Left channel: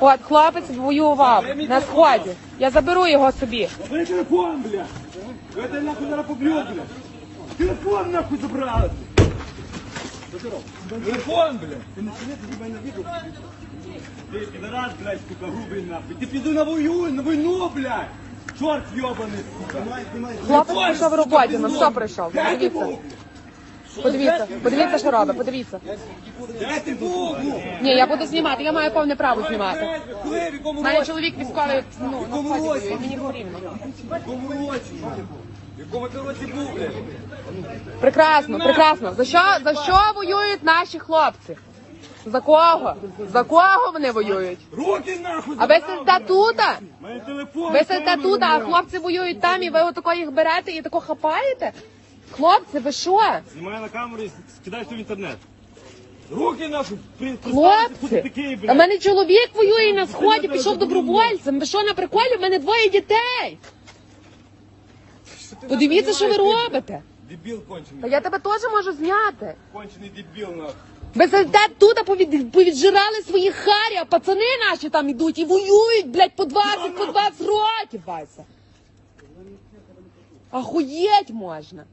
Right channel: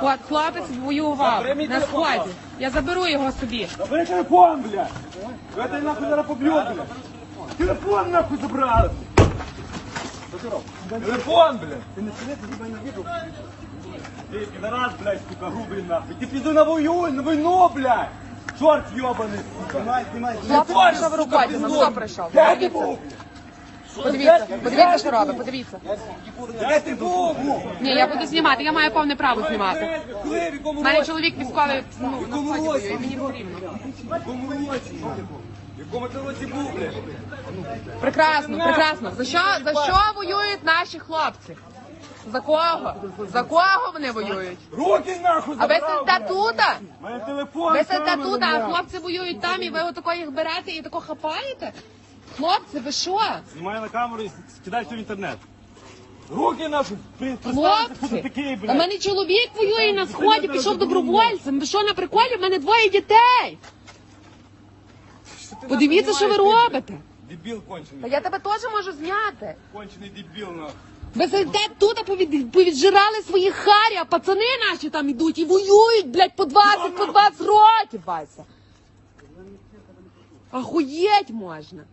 От хлопець воював на сході. Я заберу його собі. Забери телефон, блядь. Я тебе нахуй зараз поб'ю, блядь. Телефон нахуй забрали. Телефон, блядь. Ти не сидиш, ти мене відео. Ти підарас, блядь, сука, грубий нахуй. Ти піду на вою, на війну, блядь. Чорт йобаний, сука. Знімай. Телефон, сука, пізду. Де ти був? Подивіться, подивіться. Де ти був? Ні, я буду знімати, я маю повне право знімати. Коли, в якому мене році? чоловік ну, В якому році? сході, мені потрібно. В якому році? В якому ти році був, блядь? Прекрасно, прекрасно. За що, за що воюють наші хлопці? За кого? За кого вони воюють? Руки нахуй А ви сидите тут? Мене телефон Ви сидите тут, а хлопці воюють там, і ви отако їх берете і тако хапаєте? Хлопці, ви що? Знімай на камеру і скидай все в інтернет. Руки нахуй, при- приставте, хто Хлопці, у мене чоловік воює на сході, пішов добровольцем. Ви що на приколі? У мене двоє дітей. Подивіться, що ви робите. Дебіл кончений. Я тебе теж можу зняти. Кончений дебіл, нахуй. Ви сидите тут, повід, повіджирали свої харі, а пацани наші там йдуть і воюють, блядь, по 20, по 20 років, Вася. Охуєть можна.